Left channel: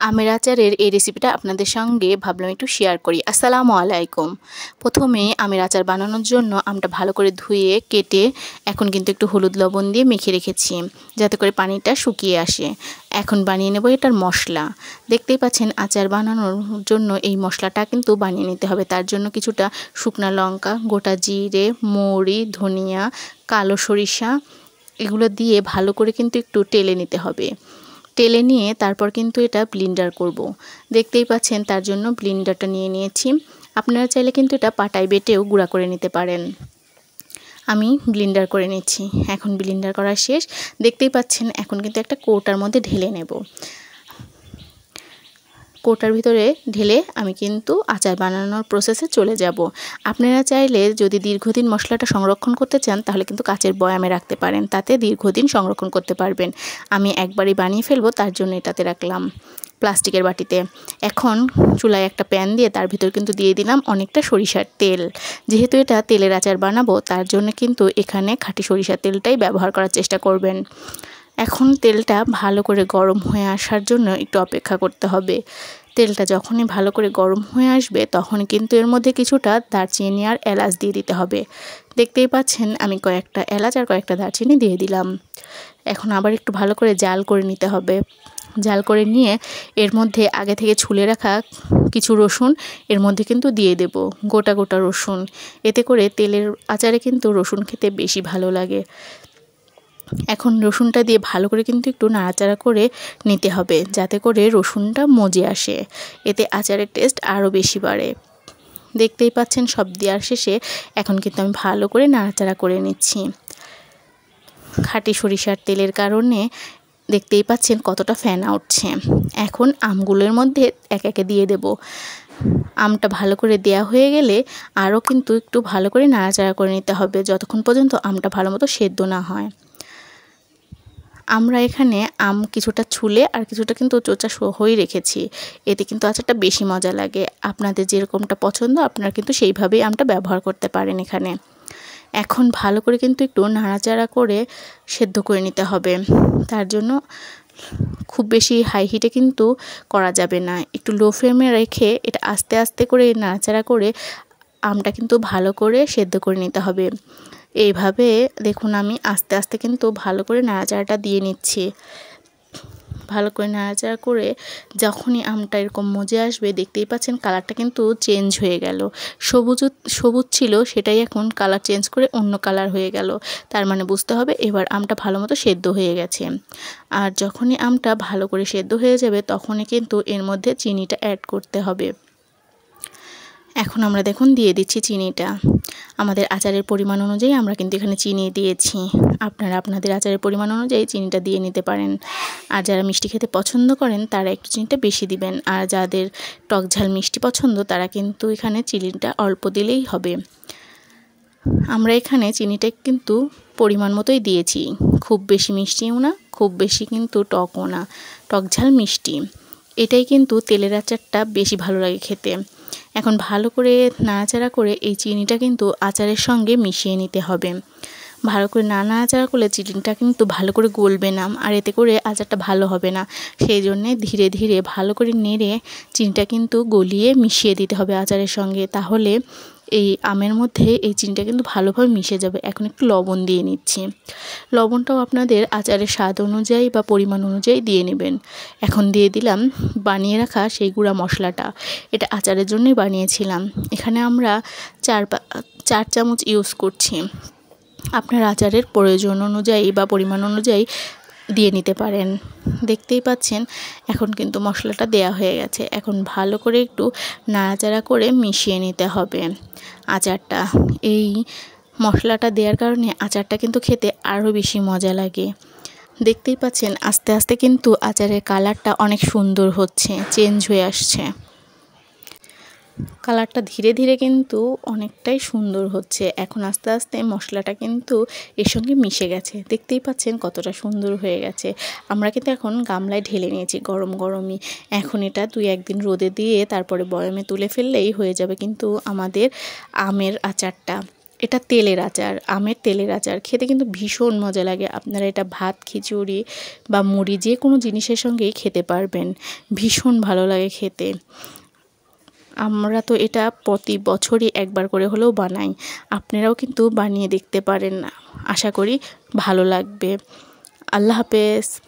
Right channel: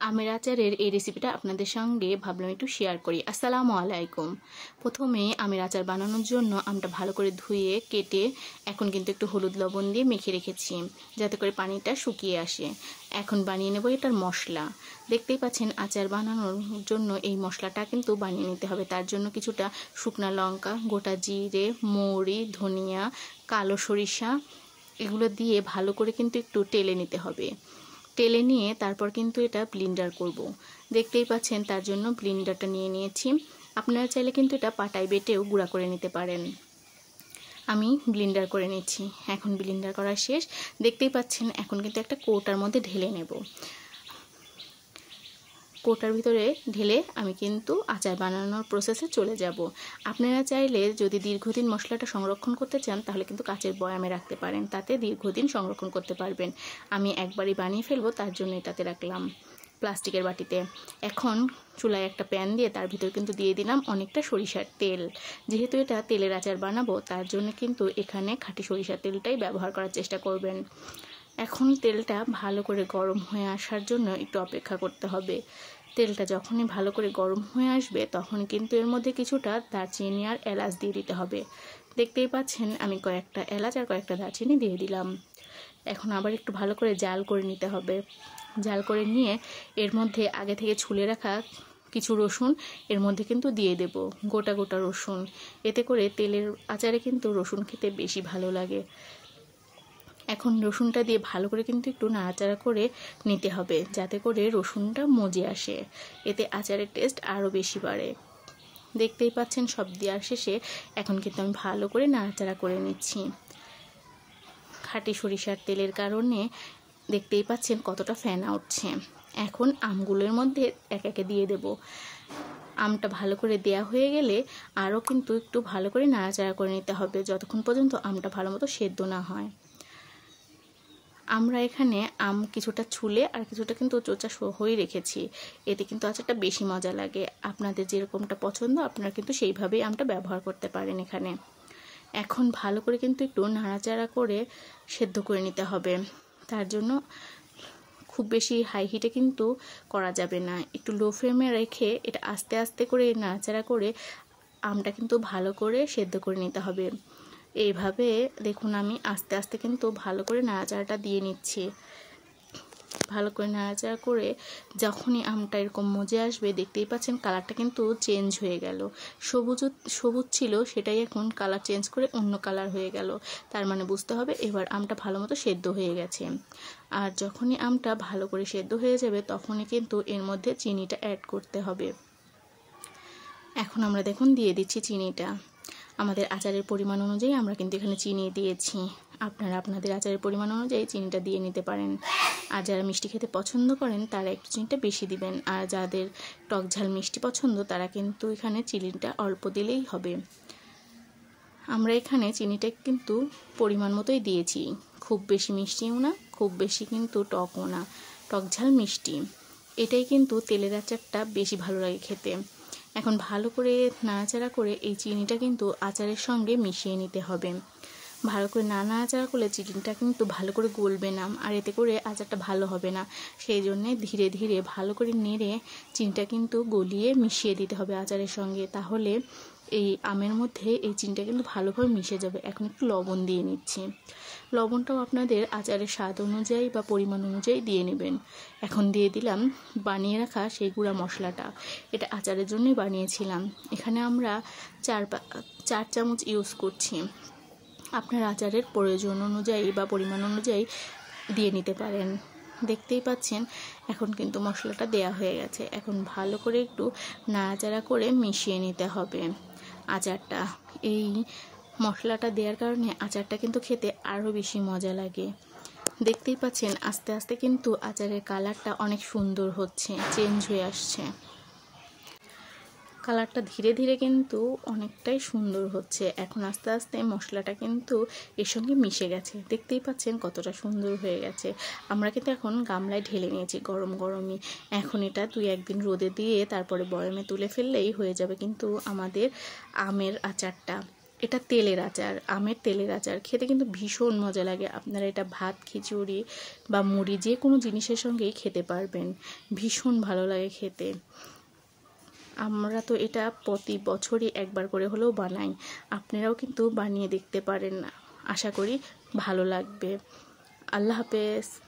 আমের আচারের এই রেসিপিটা আপনাদের সঙ্গে ভাবলাম একটু শেয়ার করি। আসসালামু আলাইকুম। প্রথমে আমের আচার বানানোর জন্য আমটা ভালো করে ধুয়ে কেটে এখন কিন্তু একটু হলুদ লবণ দিয়ে মেখে রেখেছি যাতে করে পানিটা শুকিয়ে আসে। এখন বানিয়ে নেব এটার মশলা। দেখতেই পাচ্ছেন আচার বানানোর জন্য এই মশলাটা কিন্তু বানিয়ে নিতে হবে। তার জন্য কিছুটা শুকনা লঙ্কা, গোটা জিরে, মৌরি, ধনিয়া, কালো সরিষা এগুলো দিয়ে ভালো করে কিন্তু একটু টেলে নিতে হবে। টেলে নিয়ে তারপর কিন্তু এটা ব্লেন্ডার করব। দেখতেই পাচ্ছেন তার জন্য ব্লেন্ডারটা নিয়ে নিয়েছি। আপনারা চাইলে কিন্তু এটা পাটায় বেটেও গুঁড়া করে নিতে পারেন। আমি ব্লেন্ডার করে নিচ্ছি। এখন ব্লেন্ডার করা শেষ। দেখতেই পাচ্ছেন এখন কিন্তু একটা কৌটার মধ্যে ঢেলে নেব। কৌটার ভিতরে ঢেলে আমি কিন্তু আচার বানানোর প্রসেসে চলে যাব। আপনারা চাইলে যদি দীর্ঘদিন মশলাটা সংরক্ষণ করতে চান তাহলে কিন্তু কাচের বয়ামে রাখতে পারেন, তাতে দীর্ঘদিন সংরক্ষণ করতে পারবেন। আমি একবারই বানিয়ে ফেলবো, তার জন্য এটাতে রাখলাম প্লাস্টিকের বাটিতে। এখন চুলায় একটা প্যান দিয়ে তার ভিতর কিন্তু দিয়ে দিলাম অনেকটা সরিষার তেল। যেহেতু এটা তেলের আচার বানাবো তার জন্য কিন্তু এখানে খাঁটি সরিষার তেলটাই ব্যবহার করার চেষ্টা করবেন। এখন তেলটা ভালো করে গরম হয়ে আসার জন্য একটু অপেক্ষা করতে হবে। তেলটা যখনই ভালো করে গরম হয়ে আসবে তখন কিন্তু এর মধ্যে কিছুটা দারচিনি আর এলাচ দিয়ে দিতে হবে। দেখতেই পাচ্ছেন আমি কয়েকটা এলাচ আর কয়েকটা দারচিনি দিয়ে দিলাম। এখন আবার একটু ভালো করে জাল করে নিতে হবে। জাল করে নিয়ে এর মধ্যে আগে থেকে ছুলে রাখা কিছু রসুন এর মধ্যে কিন্তু দিয়ে দেব, গোটা গোটা রসুন। এতে করে তেলের আচারে কিন্তু রসুন খেতে বেশি ভালো লাগে। এখন রসুনটা দিয়ে ভালো করে কিন্তু একটু নাড়াচাড়া করে নিতে হবে যাতে করে রসুনটা মজে আসে। এতে আচারের টেস্ট আরও বেশি বাড়ে। দেখতেই পাচ্ছেন সব দেওয়ার শেষে এখন কিন্তু আমি ভালো করে নাড়াচাড়া করে নিচ্ছি। খাঁটি সরিষার তেলের কারণে দেখতেই পাচ্ছেন কতটা ফেনা উঠছে। এখন আমগুলোর মধ্যে একে একে দিয়ে দেব। আমটা ভালো করে দেয়া হয়ে গেলে আরও কিন্তু একটু ভালো করে নাড়াচাড়া করে নিতে হবে যতক্ষণ পর্যন্ত আমটা ভালো মতো সেদ্ধ না হয়। আমরা এখানে আম কিছুটা ছুলে আর কিছুটা কিন্তু চোচা সহই রেখেছি। এতে কিন্তু আচারটা বেশি মজা লাগে। আপনাদের যেরকমটা পছন্দ আপনারা কিন্তু সেইভাবেই আমটা ব্যবহার করতে পারেন এখানে। এখন ভালো করে কিন্তু একটু নাড়াচাড়া করে সেদ্ধ করে নিতে হবে। তার জন্য খুব বেশি হাই হিটে কিন্তু করা যাবে না। একটু লো ফ্লেমে রেখে এটা আস্তে আস্তে করে নাড়াচাড়া করে আমটা কিন্তু ভালো করে সেদ্ধ করে নিতে হবে। এইভাবে দেখুন আমি আস্তে আস্তে কিন্তু ভালো করে নাড়াচাড়াটা দিয়ে নিচ্ছি। ভালো করে নাড়াচাড়া করে যখনই আমটা এরকম মজে আসবে দেখতেই পাচ্ছেন কালারটা কিন্তু চেঞ্জ হয়ে গেল। সবুজ ছিল সেটাই এখন কালার চেঞ্জ করে অন্য কালার হয়ে গেল। তার মানে বুঝতে হবে এবার আমটা ভালো মতো সেদ্ধ হয়ে গেছে। আর যখনই আমটা ভালো করে সেদ্ধ হয়ে যাবে তখনই কিন্তু এর মধ্যে চিনিটা অ্যাড করতে হবে। এখন আমরা দেখুন দিয়ে দিচ্ছি চিনিটা। আমাদের আচারের পরিমাণ অনুযায়ী আমরা কিন্তু এখানে চিনি দিয়েছি। আপনারা আপনাদের আচারের পরিমাণ অনুযায়ী চিনিটা দিয়ে নিতে পারেন। আর যারা মিষ্টি খেতে পছন্দ করেন তারা একটু চিনিটা বেশি দিবেন। আর যাদের টক ঝাল মিষ্টি পছন্দ তারা কিন্তু এখানে চিনিটা অল্প দিলেই হবে। আমরা এখানে চিনিটা কিন্তু পরিমাণ মতোই দিয়েছি। খুব বেশি মিষ্টিও না, খুব বেশি কিন্তু টকও না, টক ঝাল মিষ্টি। এটাই কিন্তু তেলের আচারটা বেশি ভালো লাগে খেতে। এখন ভালো করে নাড়াচাড়া করে এই চিনিটা কিন্তু আচারের সঙ্গে মিশিয়ে নিতে হবে। ভালো করে নাড়াচাড়া করলে চিনিটা কিন্তু ভালো করে গলবে না, আর এতে করে আচারটা ভালো হবে না। সেই জন্যে ধীরে ধীরে ভালো করে নেড়ে চিনিটা কিন্তু গলিয়ে মিশিয়ে দিতে হবে আচারের সঙ্গে। তাহলে এই আমের মধ্যে এই চিনিটা কিন্তু ভালোভাবে মিশে যাবে। এখন একটু লবণ দিয়ে নিচ্ছি। লবণটাও আপনাদের আচারের স্বাদ অনুযায়ী বা পরিমাণ অনুযায়ী দিয়ে নেবেন। এখন দিয়ে দিলাম বানিয়ে রাখা সেই গুঁড়া মশলাটা। এটা আচারের জন্যই বানিয়েছিলাম। এখানে আমরা 4 চামচ ইউজ করছি। আপনার আচারের প্রয়োজন অনুযায়ী বা পরিমাণ অনুযায়ী দিয়ে নিতে পারেন। দেখতেই পাচ্ছেন এখন কিন্তু মশলাটা দেয়া হয়ে গেছে। এখন ভালো করে একটু নাড়াচাড়া করে মিশিয়ে নিতে হবে আচারটা। এই মশলাটা দেওয়ার কারণে আচারটা কিন্তু খেতে আরও বেশি মজা লাগে। দেখতেই পাচ্ছেন আস্তে আস্তে কিন্তু আচারের কালারটা অনেক সুন্দর হচ্ছে, চেঞ্জ হয়ে আসছে। কালারটা ধীরে ধীরে কিন্তু অনেকটাই সুন্দর হচ্ছে। এখন আস্তে আস্তে মশলাটা কিন্তু এর সঙ্গে মিশে গেছে। দেখতেই পাচ্ছেন কতটা সুন্দর হয়ে গেছে। আমরা কিন্তু এখন গামলায় ঢেলে নিয়েছি গরম গরমই। এখন এটা 2-1 দিন রোদে দিয়ে তারপরে বয়ামে তুলে ফেললেই হয়ে যাবে কিন্তু আমাদের আমের আচারটা। এটা তেলের আচার, আমের তেলের আচার। খেতে কিন্তু ভীষণ মজা লাগে। আপনারা এটা ভাত, খিচুড়ি বা মুড়ি যে কোনো জিনিসের সঙ্গেই খেতে পারবেন। ভীষণ ভালো লাগে খেতে। আমরা তো এটা প্রতি বছরই একবার করে হলেও বানাই। আপনারাও কিন্তু বানিয়ে দেখতে পারেন। আশা করি ভালো লাগবে। আল্লাহ হাফেজ।